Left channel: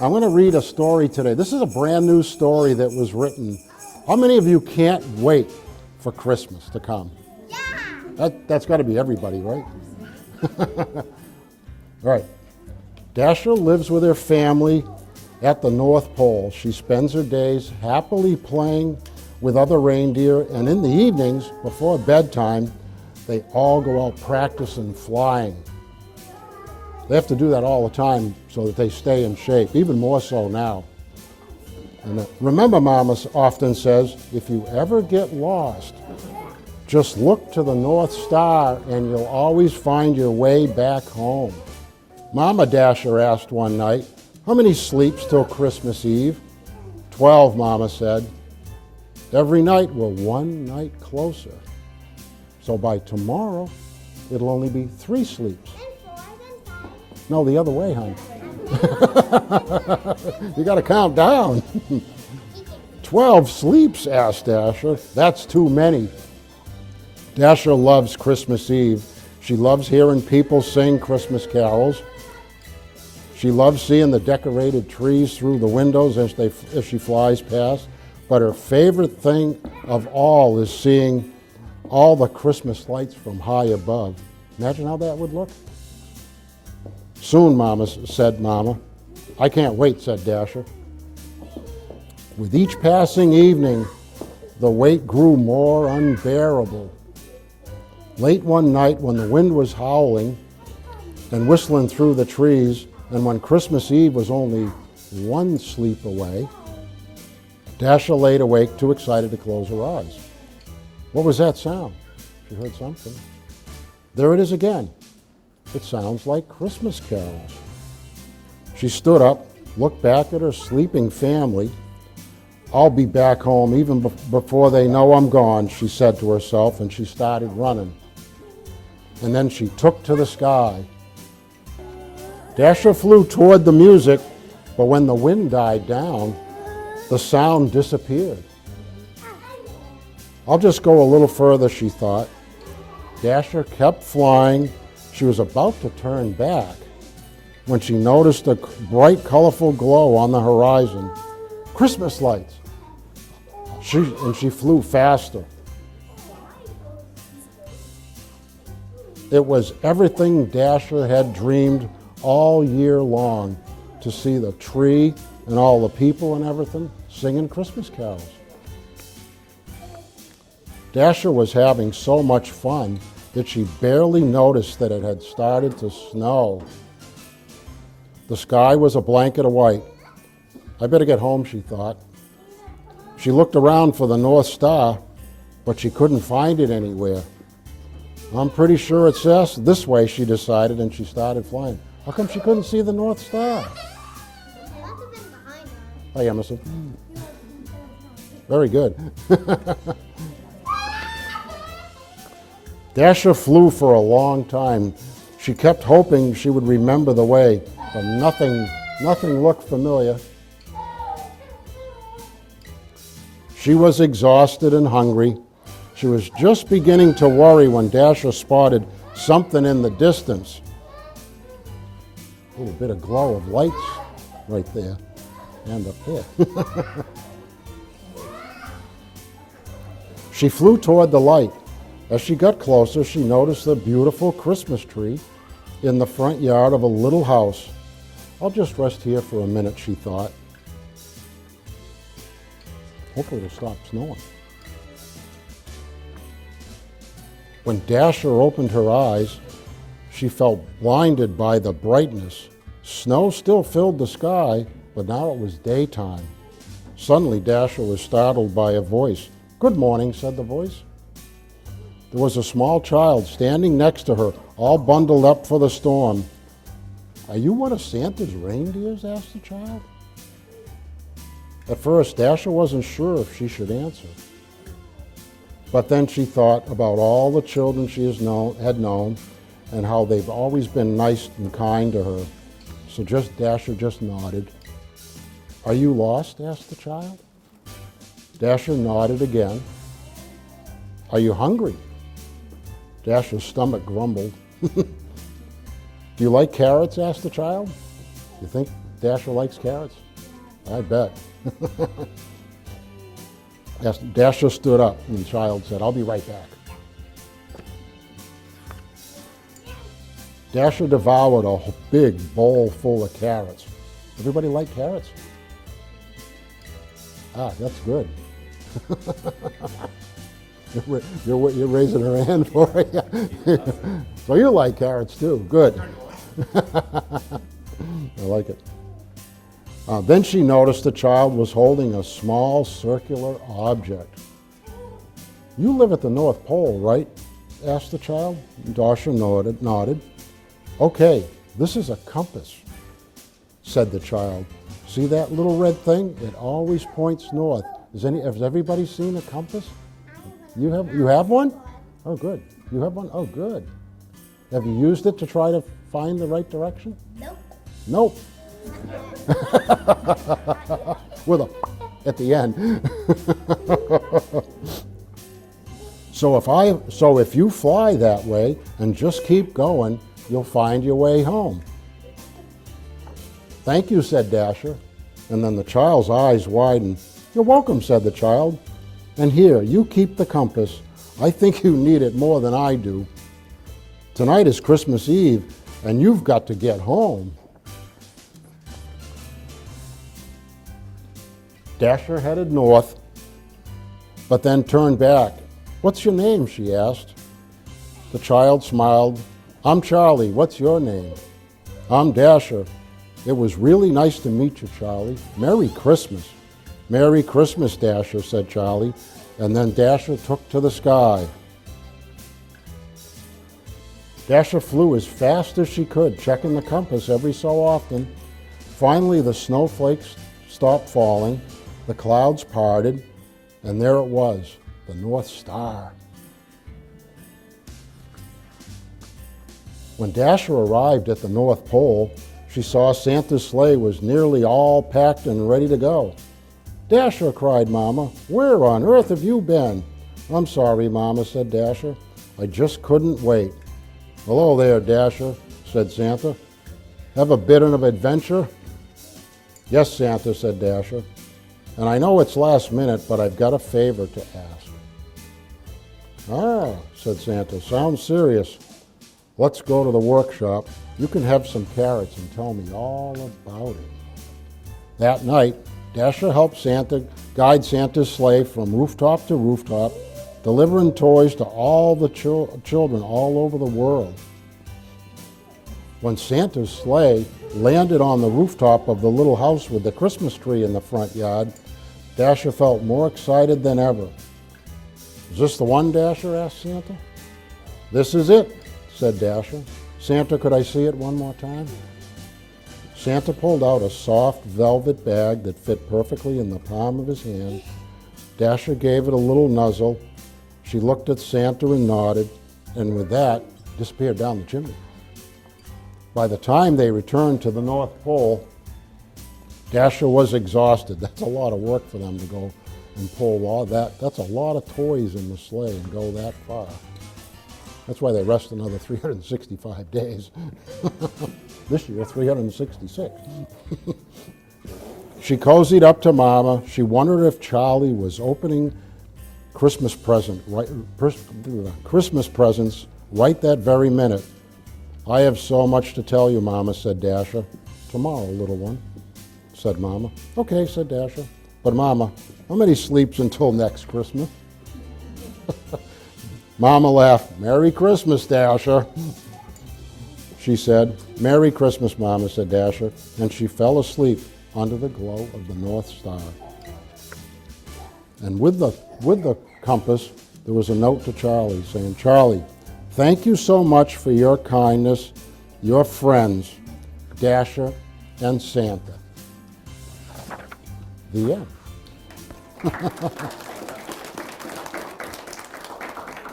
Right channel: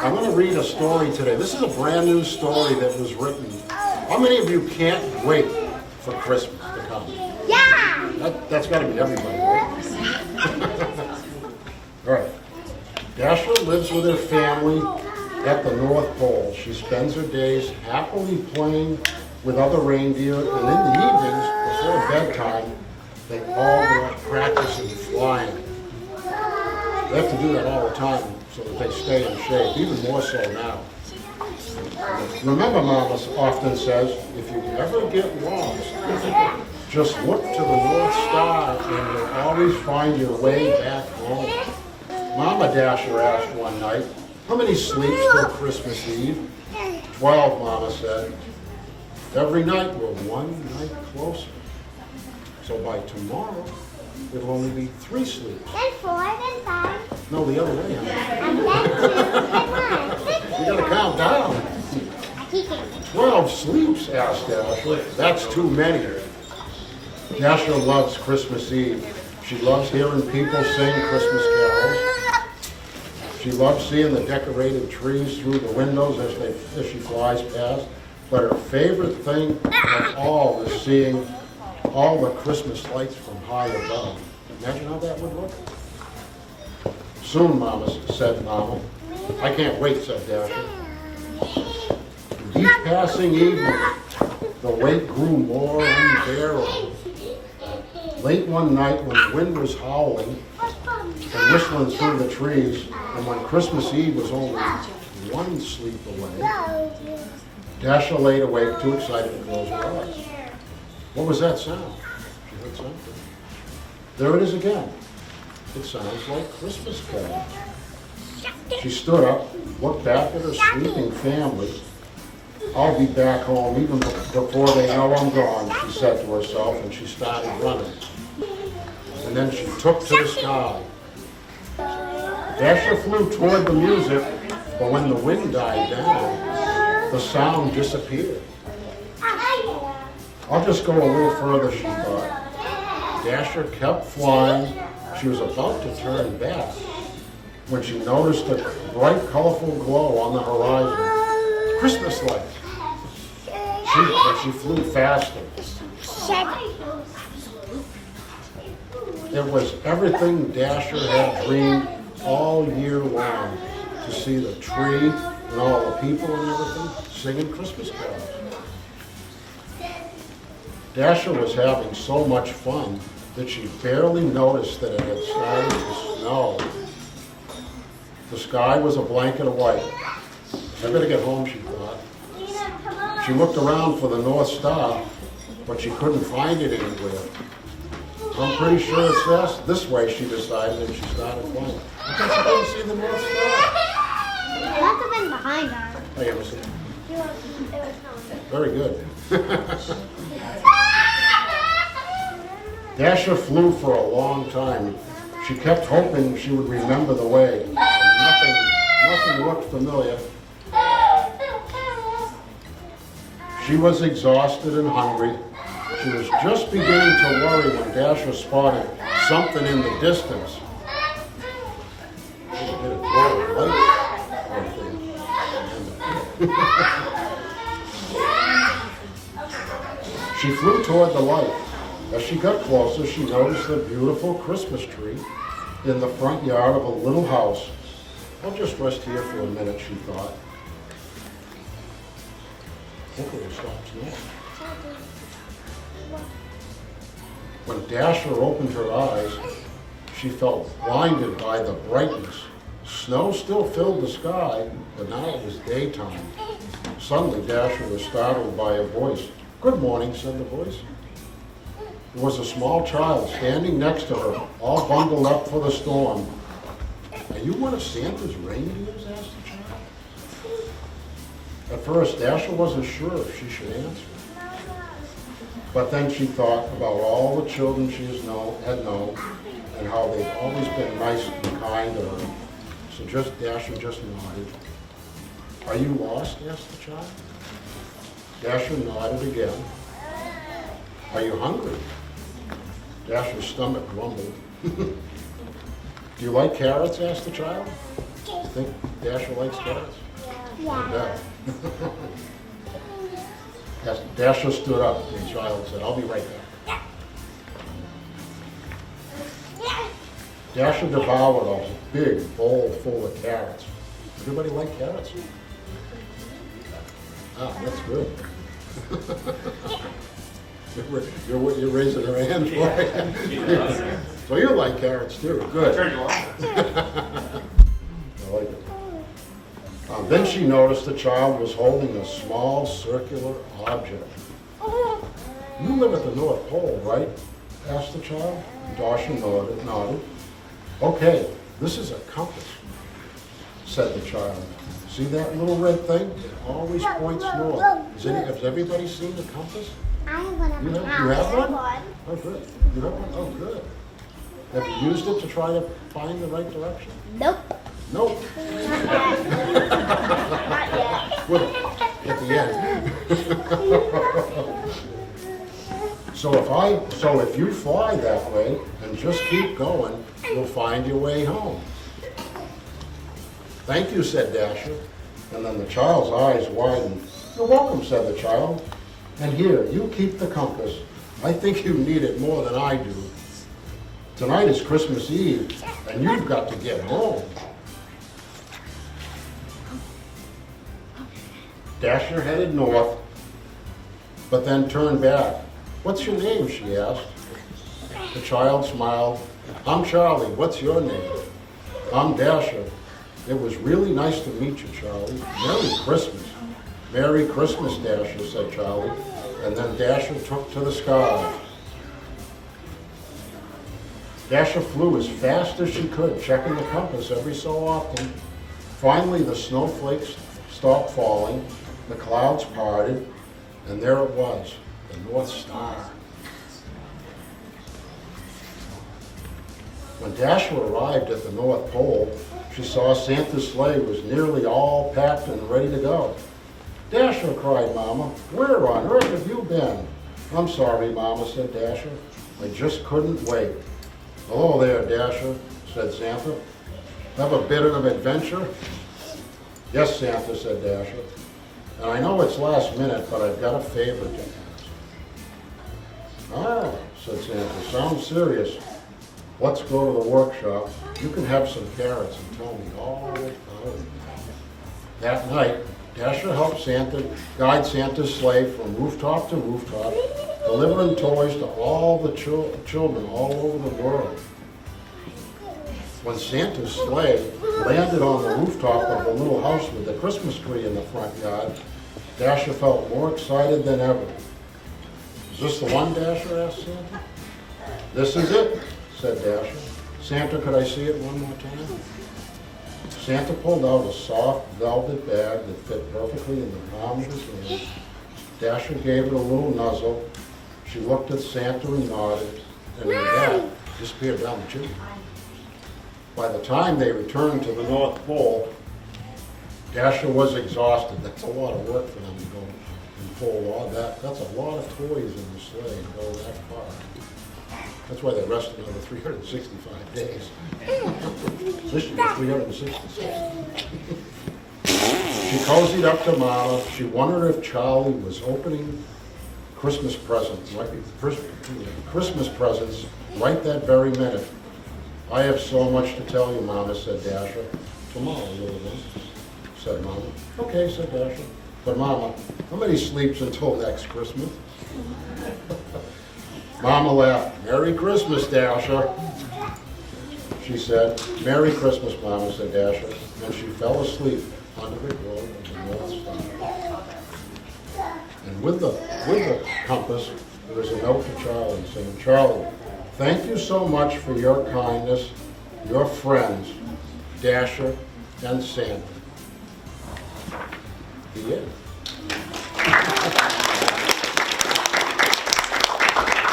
I'm going to read a story today. This is a brand new story that was written. How many of you can't wait for Christmas to come? Yeah! That's got to be everybody, right? All right. Dasher lives with her family at the North Pole. She spends her days happily playing with other reindeer, and in the evenings, before bedtime, they all go out practicing flying. They have to do that all the time so that they stay in shape, even more so now. And remember, Mama often says, if you ever get lost, just look to the North Star and you'll always find your way back home. Mama Dasher asked one night, how many sleeps till Christmas Eve? 12, Mama said. Every night we're one night closer. So by tomorrow, it'll only be 3 sleeps. Then 4, then 5. No, the other way, honey. You gotta count down. 12 sleeps, asked Dasher. That's too many. Dasher loves Christmas Eve. She loves hearing people sing Christmas carols. She loves seeing the decorated trees through the windows as she flies past. But her favorite thing of all is seeing all the Christmas lights from high above. Imagine how that would look. Soon, Mama said, Mama. I can't wait, said Dasher. With each passing evening, the wait grew more unbearable. Late one night, when the wind was howling and whistling through the trees, and when Christmas Eve was only 1 sleep away, Dasher laid awake, too excited to close her eyes. What was that sound? She heard something. There it is again. It sounds like Christmas carols. She stood up, looked back at her sleeping family. I'll be back home even before they know I'm gone, she said to herself, and she started running. And then she took to the sky. Dasher flew toward the music, but when the wind died down, the sound disappeared. I'll just go a little further, she thought. Dasher kept flying. She was about to turn back when she noticed a bright, colorful glow on the horizon. Christmas lights. She flew faster. It was everything Dasher had dreamed all year long, to see the tree and all the people and everything singing Christmas carols. Dasher was having so much fun that she barely noticed that it had started to snow. The sky was a blanket of white. I better get home, she thought. She looked around for the North Star, but she couldn't find it anywhere. I'm pretty sure it's this way, she decided, and she started flying. How come she couldn't see the North Star? It must have been behind her. Oh, yeah, Missy. Very good. Dasher flew for a long time. She kept hoping she would remember the way, but nothing looked familiar. She was exhausted and hungry. She was just beginning to worry when Dasher spotted something in the distance. A bit of glow of light right there. And a bit. She flew toward the light. As she got closer, she noticed a beautiful Christmas tree in the front yard of a little house. I'll just rest here for a minute, she thought. Hopefully it'll stop snowing. When Dasher opened her eyes, she felt blinded by the brightness. Snow still filled the sky, but now it was daytime. Suddenly, Dasher was startled by a voice. "Good morning," said the voice. There was a small child standing next to her, all bundled up for the storm. "Are you one of Santa's reindeers?" asked the child. At first, Dasher wasn't sure if she should answer. But then she thought about all the children she had known and how they've always been nice and kind to her. So Dasher just nodded. "Are you lost?" asked the child. Dasher nodded again. "Are you hungry?" Dasher's stomach grumbled. "Do you like carrots?" asked the child. You think Dasher likes carrots? Yeah. I bet. Yes, Dasher stood up and the child said, I'll be right back. Dasher devoured a big bowl full of carrots. Everybody like carrots? Ah, that's good. You're raising your hand for it. So you like carrots too. Good. I like it. Then she noticed the child was holding a small circular object. You live at the North Pole, right? Asked the child. Dasher nodded. Okay, this is a compass, said the child. See that little red thing? It always points north. Has everybody seen a compass? You have one? Oh, good. You have one? Oh, good. Have you used it to try to find the right direction? Nope. Nope. Not yet. With a, at the end. So if you fly that way and just keep going, you'll find your way home. Thank you, said Dasher. And then the child's eyes widened. You're welcome, said the child. And here, you keep the compass. I think you need it more than I do. Tonight is Christmas Eve, and you've got to get home. Dasher headed north, but then turned back. What's your name? She asked. The child smiled. I'm Charlie. What's your name? I'm Dasher. It was really nice to meet you, Charlie. Merry Christmas. Merry Christmas, Dasher, said Charlie. And then Dasher took to the sky. Dasher flew as fast as she could, checking the compass every so often. Finally, the snowflakes stopped falling, the clouds parted, and there it was, the North Star. When Dasher arrived at the North Pole, she saw Santa's sleigh was nearly all packed and ready to go. Dasher, cried Mama, where on earth have you been? I'm sorry, Mama, said Dasher. I just couldn't wait. Hello there, Dasher, said Santa. Have a bit of an adventure? Yes, Santa, said Dasher. And I know it's last minute, but I've got a favor to ask. Ah, said Santa, sounds serious. Let's go to the workshop. You can have some carrots and tell me all about it. That night, Dasher helped Santa guide Santa's sleigh from rooftop to rooftop, delivering toys to all the children all over the world. When Santa's sleigh landed on the rooftop of the little house with the Christmas tree in the front yard, Dasher felt more excited than ever. Is this the one, Dasher asked Santa. This is it, said Dasher. Santa, could I see it one more time? Santa pulled out a soft velvet bag that fit perfectly in the palm of his hand. Dasher gave it a little nuzzle. She looked at Santa and nodded, and with that, disappeared down the chimney. By the time they returned to the North Pole, Dasher was exhausted. That's a lot of work for them to go and pull all that. That's a lot of toys in the sleigh and go that far. That's why they rest another 365 days. This year, 366. She cozied up to Mama. She wondered if Charlie was opening Christmas presents right that very minute. I have so much to tell you, Mama, said Dasher. Tomorrow, little one, said Mama. Okay, said Dasher. But Mama, how many sleeps until next Christmas? Mama laughed. Merry Christmas, Dasher, she said. Merry Christmas, Mama, said Dasher, and she fell asleep under the glow of the North Star. And with the compass, there was a note to Charlie saying, Charlie, thank you so much for your kindness, your friends, Dasher and Santa. The end.